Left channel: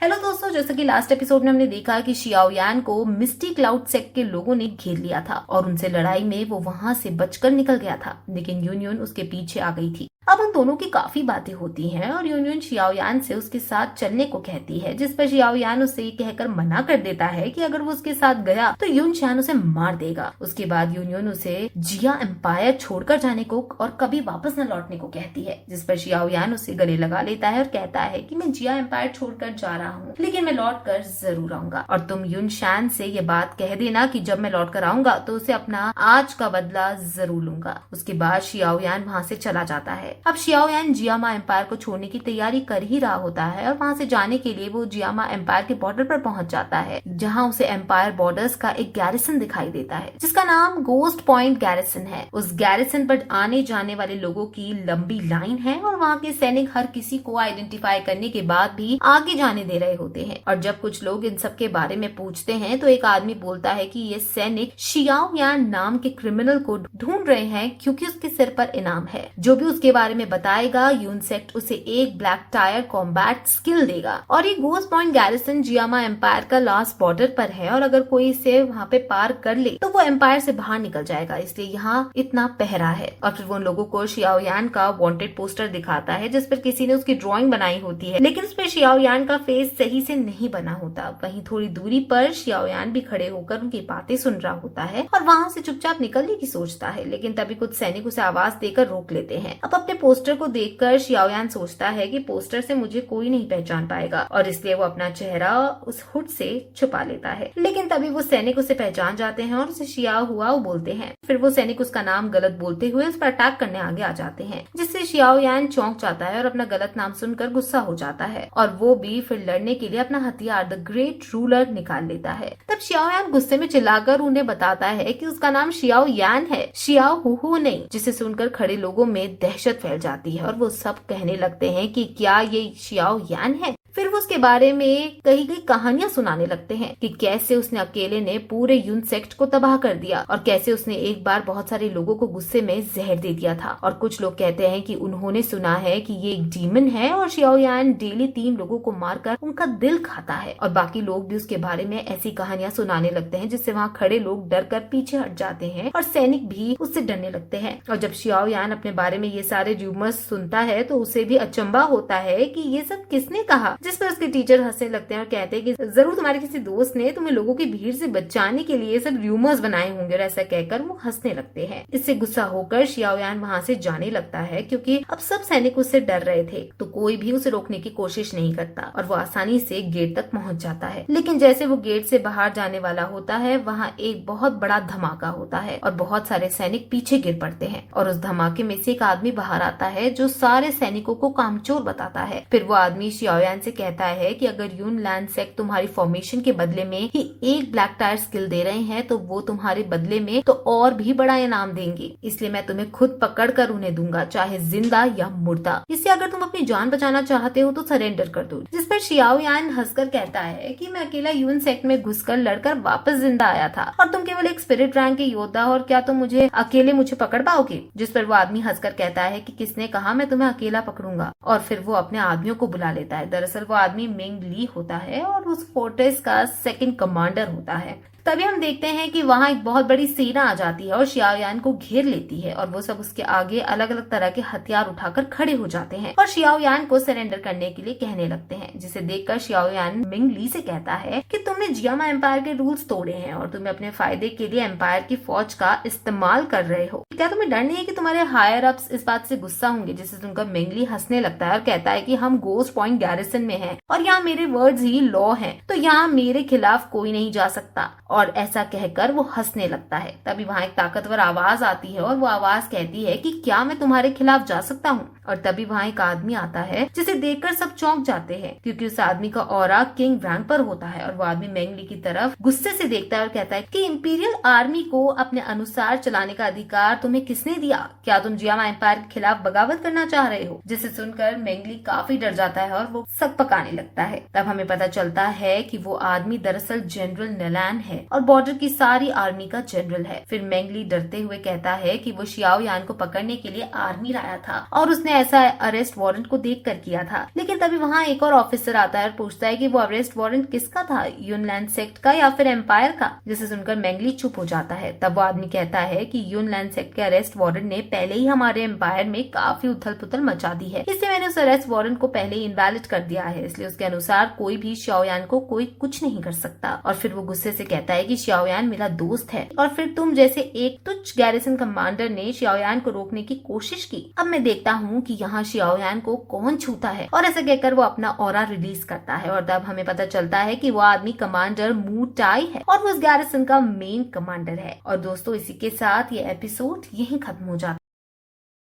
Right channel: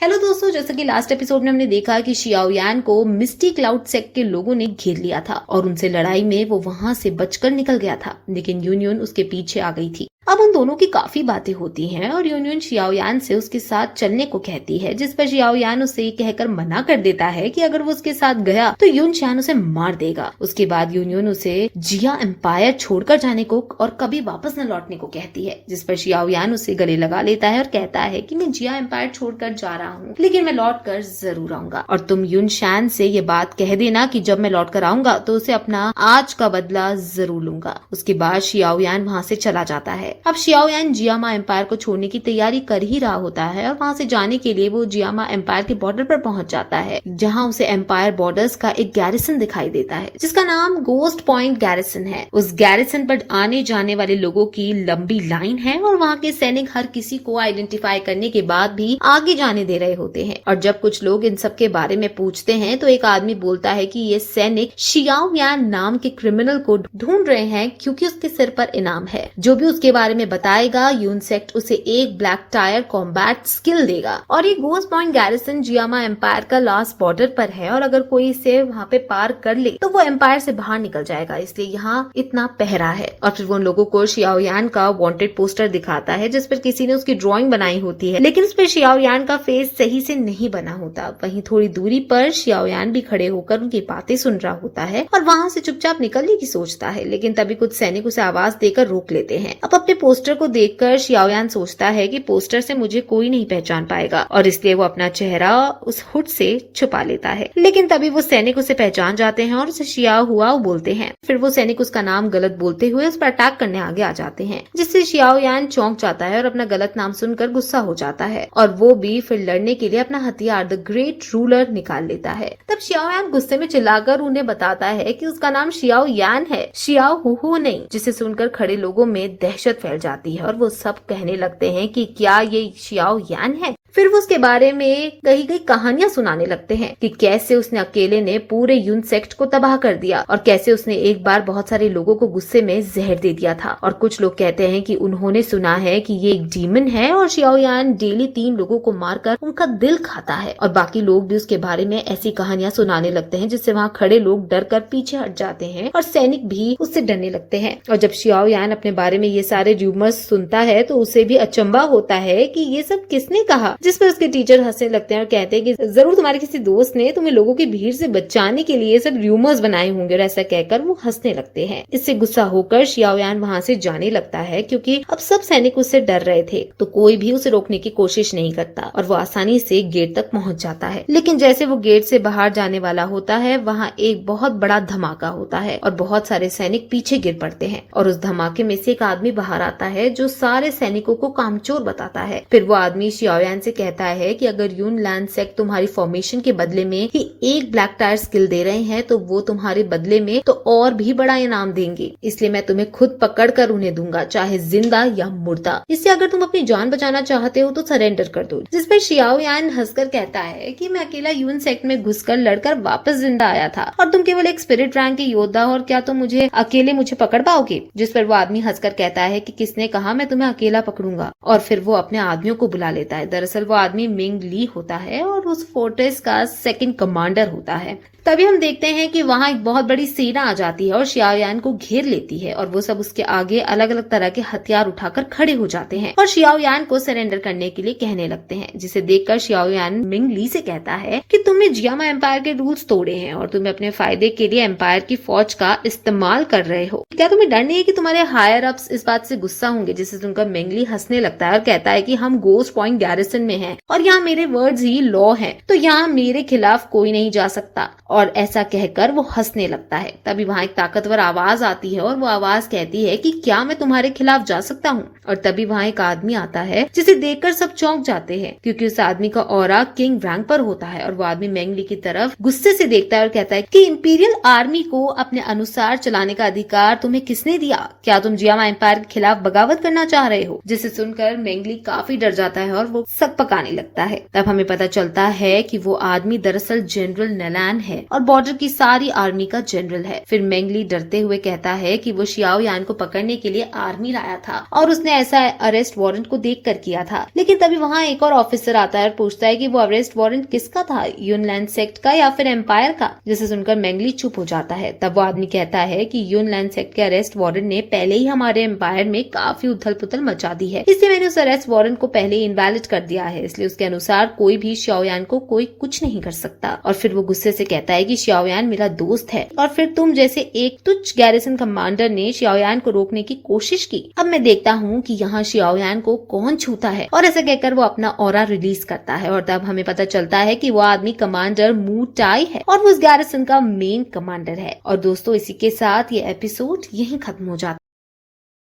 Hello दोस्तों, जैसा कि लास्ट एपिसोड में हमने देखा कि शियाओयान को मिस्टी क्लाउड सेक्ट के लोगों ने घेर लिया था और उनसे लड़ाई में वो वहां से बचकर निकल गया था, लेकिन यूनियन उसके पीछे आ गई थी। अब उन दोनों की काफी बातें होती हैं और यूनियन शियाओयान से उसके साथ चलने को कहती है, जिस पर शियाओयान उसे ये कहकर मना कर देता है कि अगर वो उसके साथ गया तो यूनशान उसे मार देगा। उसके बाद यूनियन उसे जिया एम्पायर छोड़कर जाने को और कभी वापस न लौटने को कहती है, जिस पर शियाओयान उसे गले लगा लेता है और कहता है कि मैं जिया एम्पायर छोड़कर जा रहा हूँ, लेकिन मैं लौट कर जरूर आऊंगा और तुम यूनशान से ये बात कह देना कि जब मैं लौट कर आऊंगा तो उसे अपना आज का बदला जरूर लूंगा। उसके बाद शियाओयान वहाँ से चला जाता है। अब शियाओयान जियामा एम्पायर को छोड़ने की तैयारी कर ही रहा होता है और वहाँ से जाने के लिए वो जियामा एम्पायर के बॉर्डर पर पहुंच जाता है, जहाँ उसे एम्पायर बॉर्डर्स का एक गैरिसन दिखाई देता है जिसका नाम गोस्ट पॉइंट गैरिसन है। उस गैरिसन पर आने जाने वाले लोगों की लंबी लाइन है और वहाँ के सैनिक हर किसी को आइडेंटिफाई करने के बाद भी आगे जाने दे रहे होते हैं। और जब कुछ लोग इन सब के बारे में पूछते हैं तो एक आदमी बोलता है कि ये सैनिक शियाओयान नाम के क्रिमिनल को ढूंढ रहे हैं क्योंकि उसके सिर पर इनाम है। जो भी उसके बारे में बताएगा यूनसेक्ट उसे एक ब्लैक टायर कॉम्बैट स्किल देगा। और ये ghost point garrison Jiyama empire का लास्ट बॉर्डर पर है और अगर कोई इसे वहाँ पे पार कर ले तो वो एम्पायर से बाहर निकल जाएगा, इसलिए यहाँ इतना पहरा है। और फिर वो उन लोगों को शियाओयान का वांटेड पोस्टर दिखाता है जिस पर किसी ने उसकी ड्राइंग बनाई होती है, लेकिन उस पर शियाओयान का फेस सही से नहीं बना होता। वहीं थोड़ी दूरी पर शियाओयान भी खड़े होकर उनकी बातें सुन रहा होता है और वहाँ से चुपचाप निकलने की सोचता है, लेकिन तभी कुछ सैनिक उसे आवाज देकर रोक लेते हैं। अब अपने पोस्टर को देखकर शियाओयान सोचता है कि पोस्टर से मुझे कोई नहीं पहचान पाएगा और इसलिए वो अपना चेहरा उस हुड से छुपा लेता है, लेकिन तभी वो सैनिक उसे पहचान जाते हैं और उसे शियाओ हुआ बोलते हैं। फिर वो सैनिक उसका नाम गलत बोलते हुए उस पर अटैक करने आगे आ जाते हैं, जिससे शियाओयान चौंक जाता है और अपना गलत नाम सुनकर गुस्सा हो जाता है और वो भी फिर लड़ने के लिए अपना हथियार द ग्रेट रूलर निकाल लेता है। तब शियाओयान गुस्से में चिल्लाकर उन्हें बताता है कि उसका नाम शियाओयान है, शियाओ हुहू नहीं, जिसे सुनकर खड़े लोगों में दहशत फैल जाती है और वो सब कहने लगते हैं कि क्या ये शियाओयान है। फिर वो उसके बारे में कई कई कहानियां सुनाने लगते हैं कि कैसे उसने अकेले ने पूरे यूनसेक्ट को तबाह कर दिया और कैसे उसने एक बार बहुत सारे लोगों को गुस्से में जहर दे दिया था। और कुछ लोग कहते हैं कि उन्होंने सुना है कि ये एक डीमन है और शियाओयान डेली 3 लोगों को मारकर उनका दिल खाता है। और बाकी लोग भी उसके बारे में ऐसी कहानियां सुनाने लगते हैं जिससे वहाँ खड़े लोग डर कर पीछे हट जाते हैं और सैनिक भी उससे डरने लगते हैं। और जब शियाओयान अपने बारे में ये सारे र्यूमर्स सुनता है तो उसे भी अचंभा होता है कि ये सब किसने कहा, जिस पर उसके टीचर हंसने लगते हैं और कहते हैं कि जरूर तुम्हारे किसी दोस्त ने तुम्हें लोगों की भीड़ से बचाने के लिए सब र्यूमर्स बनाए होंगे। और ऐसा कहकर वो हंसने लगते हैं। इससे गुस्सा होकर शियाओयान वहाँ से जाने लगता है क्योंकि अब सब सैनिक उससे डर रहे थे, तो कोई भी उसे रोकने की कोशिश नहीं करता और वो आसानी से गेट तक पहुँच जाता है। लेकिन जैसे वो गेट से बाहर जाने वाला होता है वहाँ एक बहुत बड़ा धमाका होता है और बहुत सारे सैनिक पीछे गिर पड़ते हैं और उस धमाके में से एक आदमी बाहर आता है जो सारे सैनिकों को कामचोर बताता है। फिर वो आदमी शियाओयान से कहता है कि अगर यूनलैंड सेक्ट तुम्हारी फॉर्मेशन के बदले में ही एक ब्लैक टायर स्किल दे रहे हैं तो वो तुम्हारे बदले में तो और भी बड़ा इनाम देंगे, इसलिए मैं तुम्हें खुद पकड़ कर उन्हें दूंगा, चाहे जिंदा या मुर्दा। इससे अगर तुम अपनी जान बचाना चाहते हो तो सरेंडर कर दो। जिस पर शियाओयान हंसकर कहता है कि मैं अकेला यून सेक्ट में घुसकर लड़कर वापस जिंदा आया था और तुम केवल एक स्पिरिट रैंक के योद्धा और क्या तुम मुझे पकड़ पाओगे। जिस पर वो आदमी हंसकर कहता है कि किसने कहा मैं तुम्हें अकेला पकड़ूंगा। और फिर वो अपने आदमियों को बुला लेता है। दरअसल वो आदमी मिंग ली होता है और उस फोर्ट्रेस का सेकंड कमांडर होता है। तभी हम देखते हैं कि वहाँ एक बहुत बड़ी सेना आ जाती है और शियाओयान को घेर लेती है और वो सब उसके आगे अलग अलग तरह के हथियार उठाकर खड़े हो जाते हैं और शियाओयान को सरेंडर करने के लिए कहने लगते हैं, जिसे देखकर शियाओयान मिंग ली से कहता है कि तुमने जियामा एम्पायर के रूल्स तोड़े हैं और तुम्हें अपने फायदे के लिए एम्पायर की फौज का इस्तेमाल कर रहे हो। क्या तुम्हें डर नहीं है कि तुम्हारे हायर अप्स इस बात से गुस्सा होंगे। जिसे सुनकर मिंग ली हंसने लगता है और कहता है कि हम गोस्ट पॉइंट गैरिसन में हैं और यहाँ मेरे वर्ड्स ही लॉ हैं, तो यहाँ मेरे खिलाफ कोई नहीं जा सकता। और ऐसा कहकर वो हंसने लगता है। तभी वहाँ एक ताकतवर आवाज आती है और वो आवाज कहती है कि क्या मैं तुम्हारे खिलाफ जा सकता हूँ। और तभी वहाँ एक आदमी आता है जिसे देखकर सब चौंक जाते हैं क्योंकि उस आदमी का ऑरा किंग रैंक पर होता है। और वो आदमी मेंगली की तरफ गुस्से से देखता है और कहता है कि इंपीरियल आर्मी को अपने अनुसार चलाने का अधिकार तुम्हें किसने दिया? क्या तुम जियामा एम्पायर के खिलाफ बगावत करना चाह रहे हो? जिसे सुनकर मेंगली काफी डर जाता है और वो सक पकाने लगता है। तब हमें पता चलता है कि वो आदमी दरअसल जनरल नेलान है और बॉर्डर की सारी आर्मी का जनरल है। फिर मेंगली डरते हुए कहता है कि वो शियाओयान को पकड़ने के लिए आर्मी लाया था और उसने ऐसा अरेस्ट वारंट को देखकर किया था। लेकिन तभी वहाँ एक और ऑफिसर आता है और पूछता है कि वो अरेस्ट वारंट किसका था, यूनलैंड सेक्ट का या फिर एम्पायर का। जिसे सुनकर मैंगली चुप हो जाता है। तब वो आदमी कहता है कि यूनलैंड सेक्ट के अरेस्ट वारंट ने पहले ही हमारे एम्पायर में काफी उथल पुथल मचा दी है, इसलिए मैंने उस अरेस्ट वारंट को पहले ही इनवैलिड कर दिया है, इसलिए उसके अनुसार कोई भी शाओयान को कोई कुछ नहीं कर सकता। और फिर वो गुस्से से कहता है कि शाओयान मेरा दोस्त है और फिर तुम जैसे एक तुच्छ गैरिसन कमांडर ने शाओयान को रोकने की कोशिश की। अब मैं देखता हूँ कि यहाँ शाओयान को कौन छूता है। और ऐसा कहकर वो अपना ऑरा रिलीज करता है और तब हमें पता चलता है कि वो आदमी कमांडर मू टाई है और वो उस गैरिसन का मेन कमांडर है। और दोस्तों, इसी के साथ ये एपिसोड यहीं खत्म हो जाता है।